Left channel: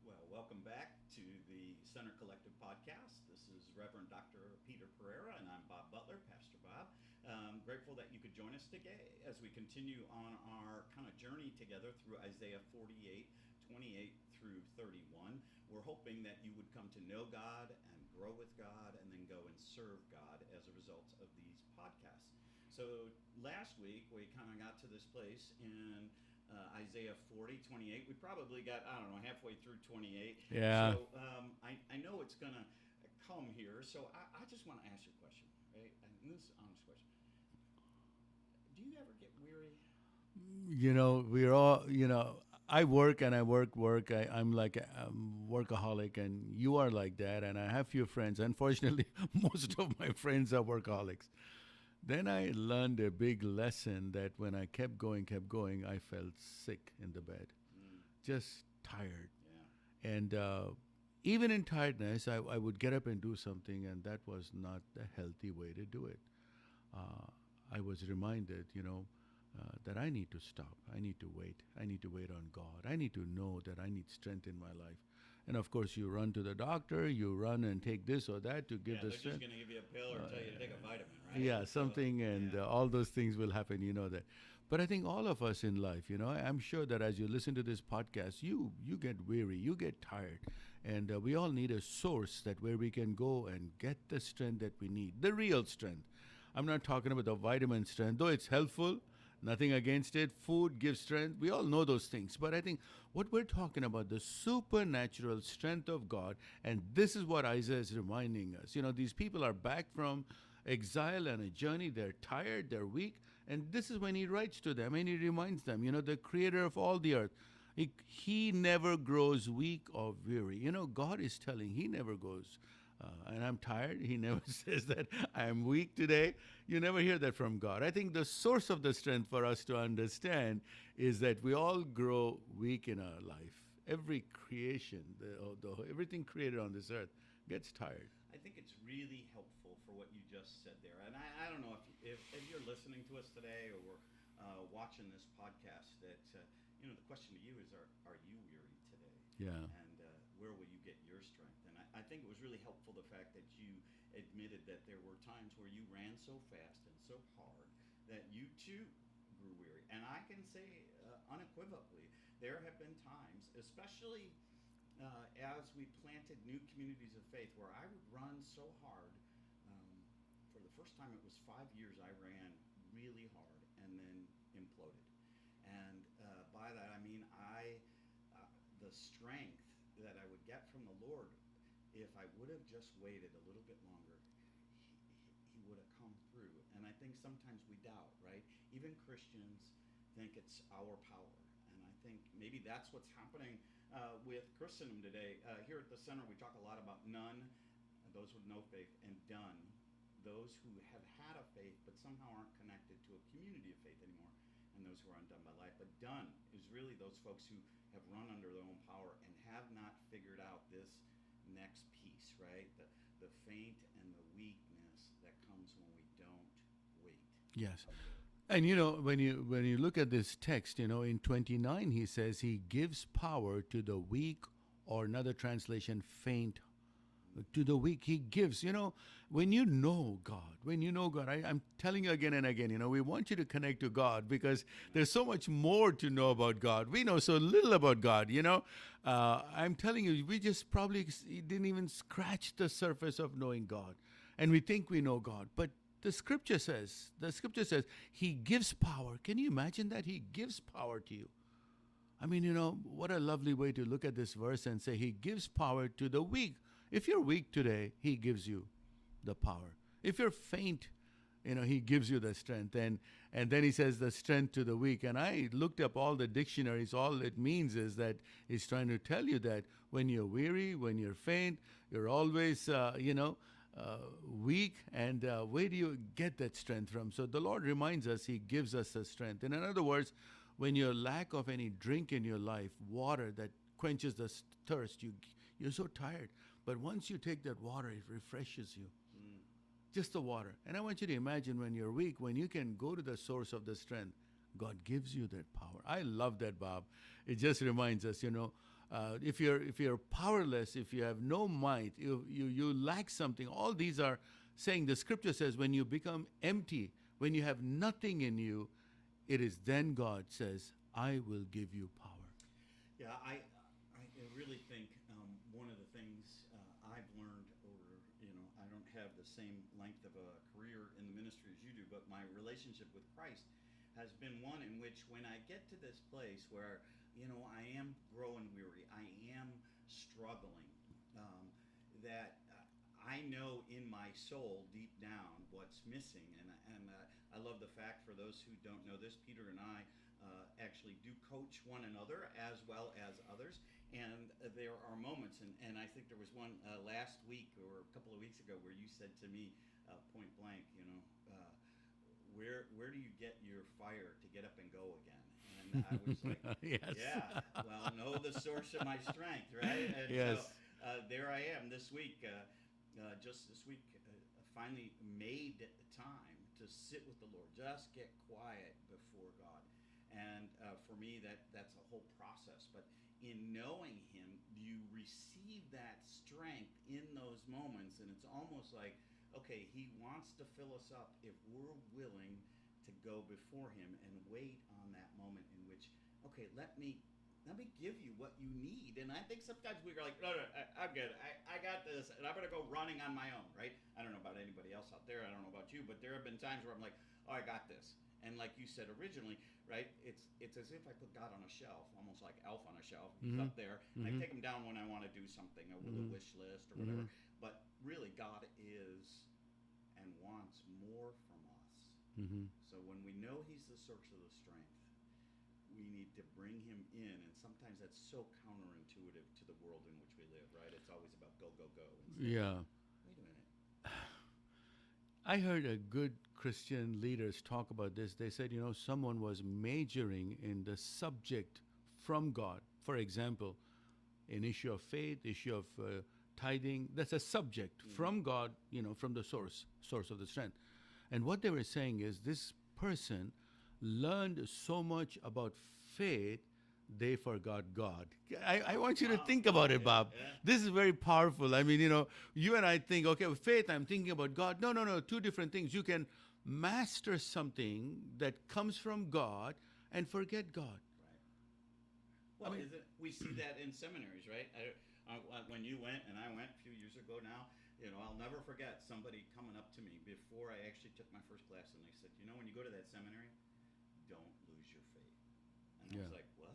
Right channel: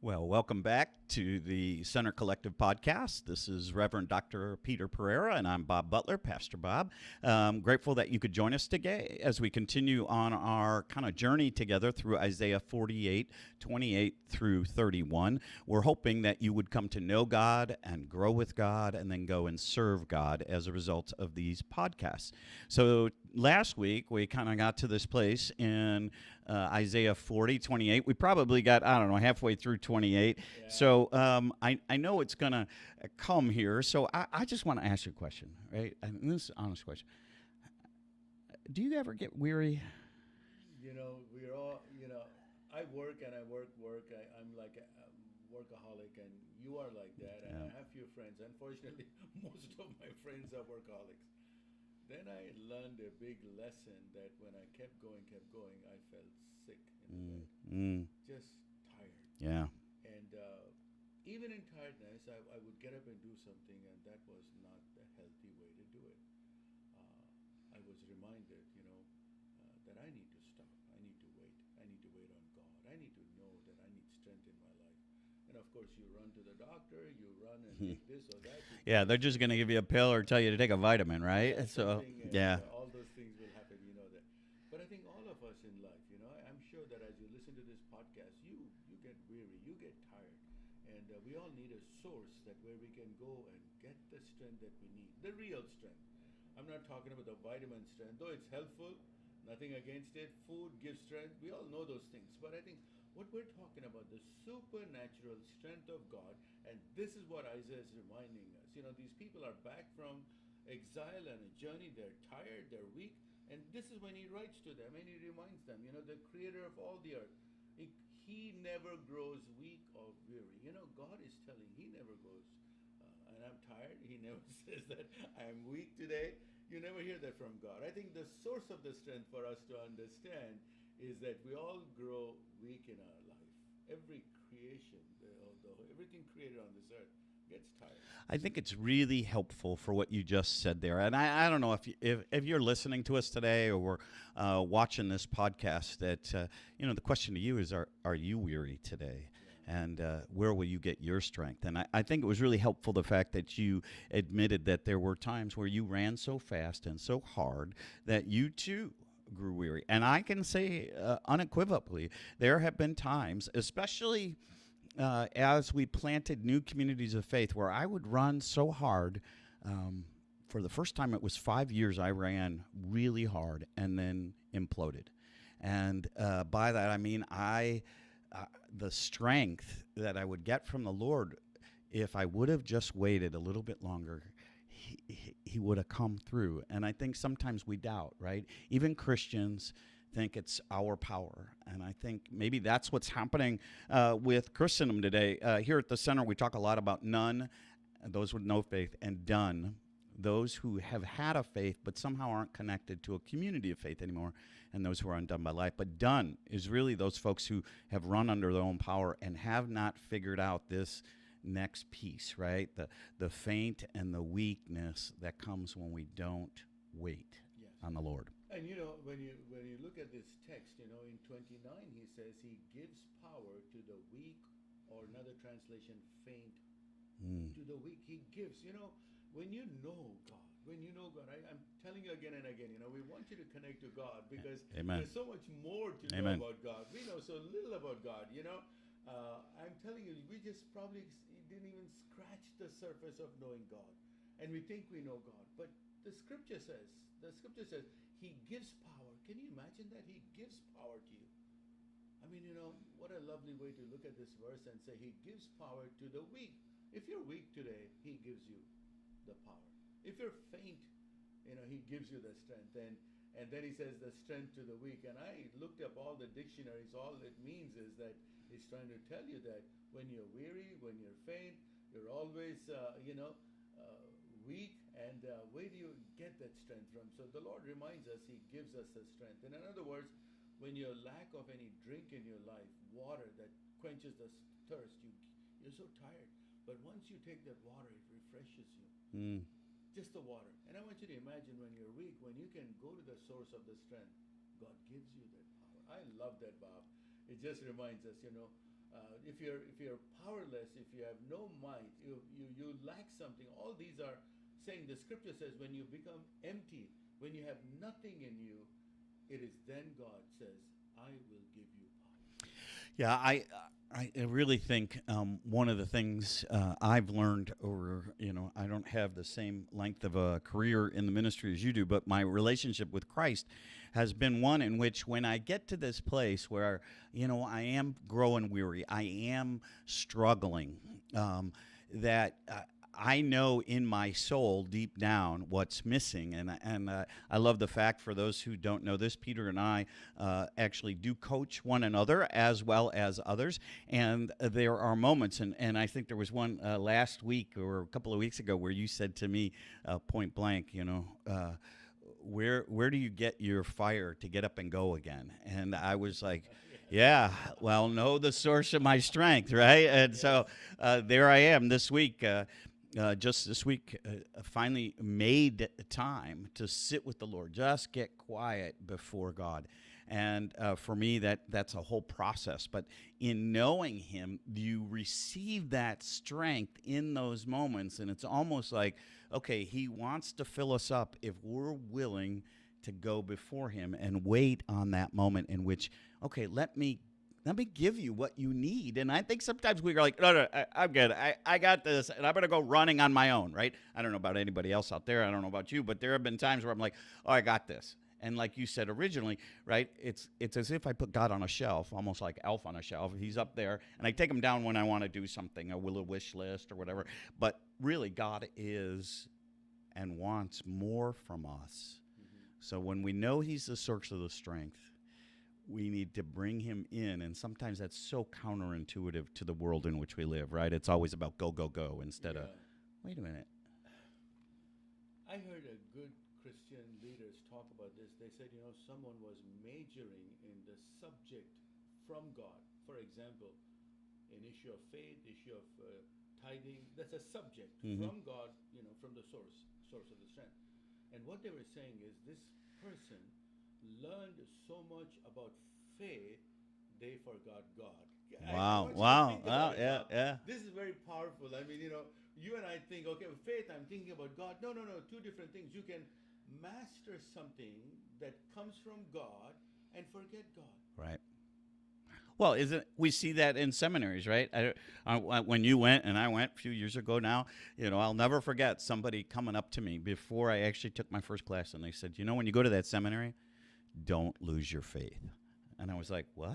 Well, welcome back to the Center Collective podcast. This is Reverend Dr. Peter Pereira, and I'm Bob Butler, Pastor Bob. Grateful that you could join us today as we continue on our kind of journey together through Isaiah 48, 28 through 31. We're hoping that you would come to know God and grow with God and then go and serve God as a result of these podcasts. So last week, we kind of got to this place in Isaiah 40, 28. We probably got, I don't know, halfway through 28. Yeah. So I know it's going to come here. So I just want to ask you a question, right? And this is an honest question. Do you ever get weary? We're all, I work and I work. I'm like a workaholic, and you are like that. And I have few friends. Unfortunately, most of my friends are workaholics. Then I learned a big lesson that when I kept going, I felt sick in the bed, just tired. Yeah. And even in tiredness, I would get up and do something, and that was not the healthy way to do it. I was reminded, that I need to stop. I need to wait. I need to wait on God. I need to know that I need strength in my life. And of course, you run to the doctor, you run and take this or that to get Yeah, the they're just strength. going to give you a pill or tell you to take a vitamin, right? Yeah, So, something, and yeah. all those things will happen, you know that. But I think all of us in life, I'm sure that as you listen to this podcast, you get weary, you get tired, and we all need a source that where we can go and get the strength that we need, the real strength. I'm not talking about the vitamin strength, though it's helpful. Nothing against it. Food gives strength. We all know those things. But I think what we're talking about, the supernatural strength of God, and this is what Isaiah is reminding us. These people are back from exile and a journey. They're tired, they're weak. And this is when he writes to them and he reminds them, the creator of all the earth. He never grows weak or weary. God is telling, he never goes and I'm tired. He never says that I'm weak today. You never hear that from God. I think the source of the strength for us to understand is that we all grow weak in our life. Every creation, everything created on this earth gets tired. I think it's really helpful for what you just said there. And I don't know if you're listening to us today or watching this podcast, that, the question to you is, are you weary today? Yeah. And where will you get your strength? And I think it was really helpful, the fact that you admitted that there were times where you ran so fast and so hard that you too grew weary. And I can say unequivocally, there have been times, especially as we planted new communities of faith, where I would run so hard. For the first time, it was 5 years I ran really hard and then imploded. And by that, I mean the strength that I would get from the Lord, if I would have just waited a little bit longer, he would have come through. And I think sometimes we doubt, right? Even Christians think it's our power. And I think maybe that's what's happening with Christendom today. Here at the center, we talk a lot about none, those with no faith, and done, those who have had a faith but somehow aren't connected to a community of faith anymore, and those who are undone by life. But done is really those folks who have run under their own power and have not figured out this next piece, right? The faint and the weakness that comes when we don't wait Yes. on the Lord. And when you look at this text, in 29 he says he gives power to the weak, or another translation, faint. To the weak he gives. When you know God, I'm telling you again and again, we want you to connect to God, because Amen. there's so much more to know Amen. about God. We know so little about God. I'm telling you, we just probably didn't even scratch the surface of knowing God, and we think we know God. But the scripture says he gives power. Can you imagine that? He gives power to you. I mean, what a lovely way to look at this verse and say he gives power to the weak. If you're weak today, he gives you the power. If you're faint, he gives you the strength. And then he says the strength to the weak. And I looked up all the dictionaries. All it means is that he's trying to tell you that when you're weary, when you're faint, you're always, weak. And where do you get that strength from? So the Lord reminds us he gives us the strength. And in other words, when you're lack of any drink in your life, water that quenches the thirst, you're so tired. But once you take that water, it refreshes you. Just the water. And I want you to imagine when you're weak, when you can go to the source of the strength, God gives you that power. I love that, Bob. It just reminds us, if you're powerless, if you have no might, you lack something. All these are saying, the scripture says, when you become empty, when you have nothing in you, it is then God says, I will give you power. Yeah, I really think one of the things I've learned over, I don't have the same length of a career in the ministry as you do, but my relationship with Christ has been one in which when I get to this place where, I am growing weary, I am struggling, that I know in my soul deep down what's missing. And I love the fact, for those who don't know this, Peter and I actually do coach one another as well as others. And there are moments, and I think there was one last week or a couple of weeks ago where you said to me point blank, where do you get your fire to get up and go again? And I was like, Yes. yeah, well, know the source of my strength, right? And Yes. so there I am this week. Just this week, finally made time to sit with the Lord, just get quiet before God. And for me, that's a whole process. But in knowing Him, you receive that strength in those moments. And it's almost like, okay, He wants to fill us up if we're willing to go before Him and wait on that moment in which, okay, let me give you what you need. And I think sometimes we're like, no, I'm good. I got this, and I'm going to go running on my own, right? I don't know about anybody else out there. I don't know about you, but there have been times where I'm like, oh, I got this. And like you said originally, right, it's as if I put God on a shelf, almost like Elf on a shelf. He's up there, and I take him down when I want to do something, a little wish list or whatever. But really, God is and wants more from us. So when we know He's the source of the strength, we need to bring Him in, and sometimes that's so counterintuitive to the world in which we live, right? It's always about go, go, go instead of, wait a minute. I heard a good Christian leaders talk about this. They said, someone was majoring in the subject from God. For example, an issue of faith, issue of tithing, that's a subject from God, from the source of the strength. And what they were saying is this person learned so much about faith, they forgot God. I want you to think about it, Bob. Yeah. This is very powerful. I mean, you and I think, okay, with faith, I'm thinking about God. No, two different things. You can master something that comes from God and forget God. Right. Well, we see that in seminaries, right? When you went and I went a few years ago now, I'll never forget somebody coming up to me before I actually took my first class, and they said, when you go to that seminary, don't lose your faith. And I was like, what?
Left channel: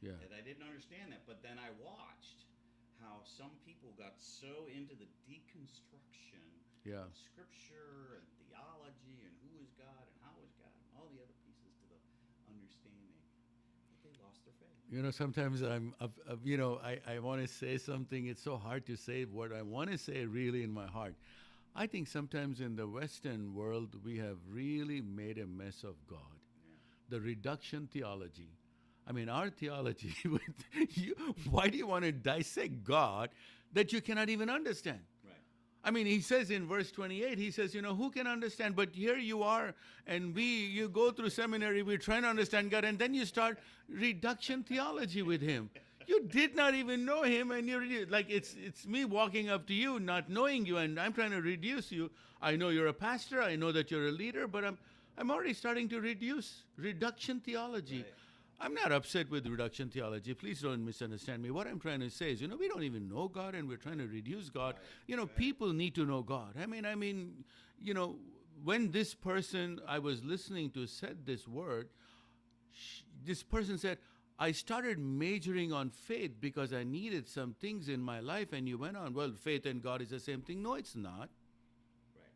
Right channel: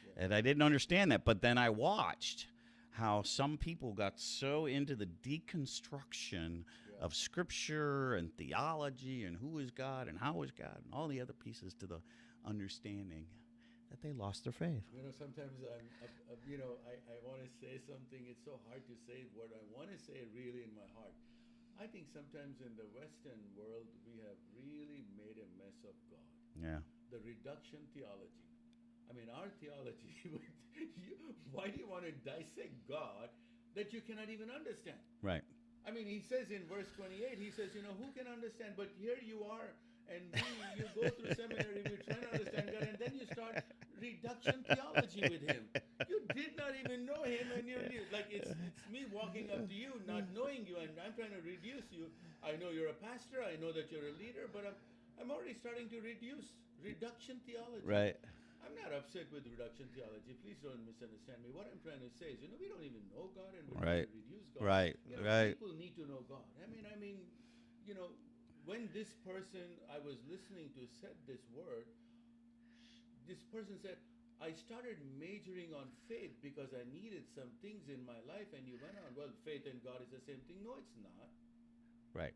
Yeah. And I didn't understand that. But then I watched how some people got so into the deconstruction of Scripture and theology and who is God and how is God and all the other pieces to the understanding that they lost their faith. Sometimes I want to say something. It's so hard to say what I want to say really in my heart. I think sometimes in the Western world, we have really made a mess of God. Yeah. The reduction theology. I mean, our theology, why do you want to dissect God that you cannot even understand? Right. I mean, he says in verse 28, he says, who can understand? But here you are, and you go through seminary, we're trying to understand God, and then you start reduction theology with Him. You did not even know Him, and you're like, it's me walking up to you, not knowing you, and I'm trying to reduce you. I know you're a pastor, I know that you're a leader, but I'm already starting to reduction theology. Right. I'm not upset with reduction theology. Please don't misunderstand me. What I'm trying to say is, we don't even know God, and we're trying to reduce God. Right. People need to know God. I mean, when this person I was listening to said this word, this person said, I started majoring on faith because I needed some things in my life, and you went on, well, faith and God is the same thing. No, it's not. Right.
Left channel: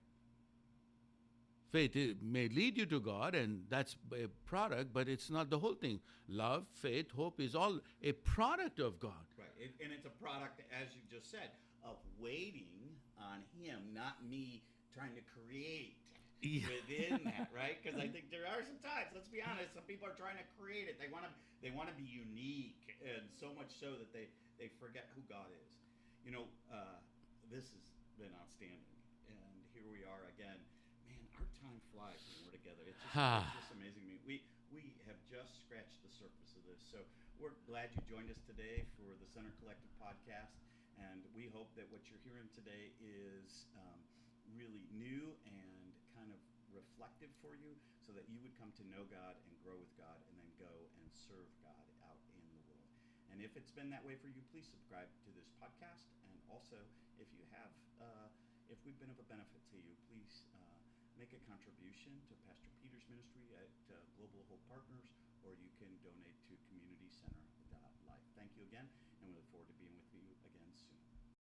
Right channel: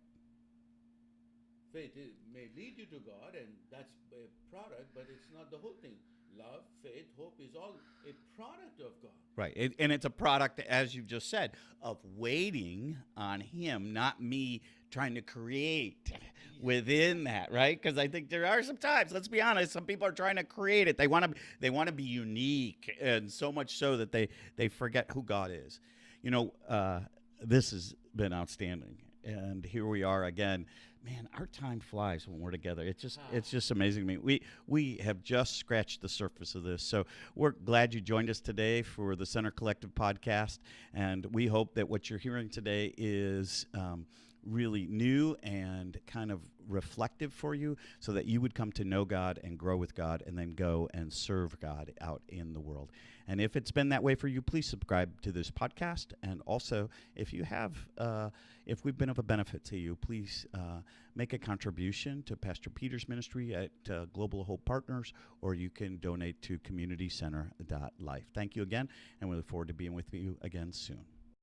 Faith may lead you to God, and that's a product, but it's not the whole thing. Love, faith, hope is all a product of God. Right. And it's a product, as you've just said, of waiting on Him, not me trying to create within that, right? Because I think there are some times, let's be honest, some people are trying to create it. They want to be unique, and so much so that they forget who God is. This has been outstanding. And here we are again Man, our time flies when we're together. Ah. It's just amazing to me. We have just scratched the surface of this. So we're glad you joined us today for the Center Collective podcast, and we hope that what you're hearing today is really new and kind of reflective for you, so that you would come to know God and grow with God, and then go and serve God out in the world. And if it's been that way for you, please subscribe to this podcast. And also, if you have, if we've been of a benefit to you, please make a contribution to Pastor Peter's ministry at Global Hope Partners, or you can donate to communitycenter.life. Thank you again, and we look forward to being with you again soon.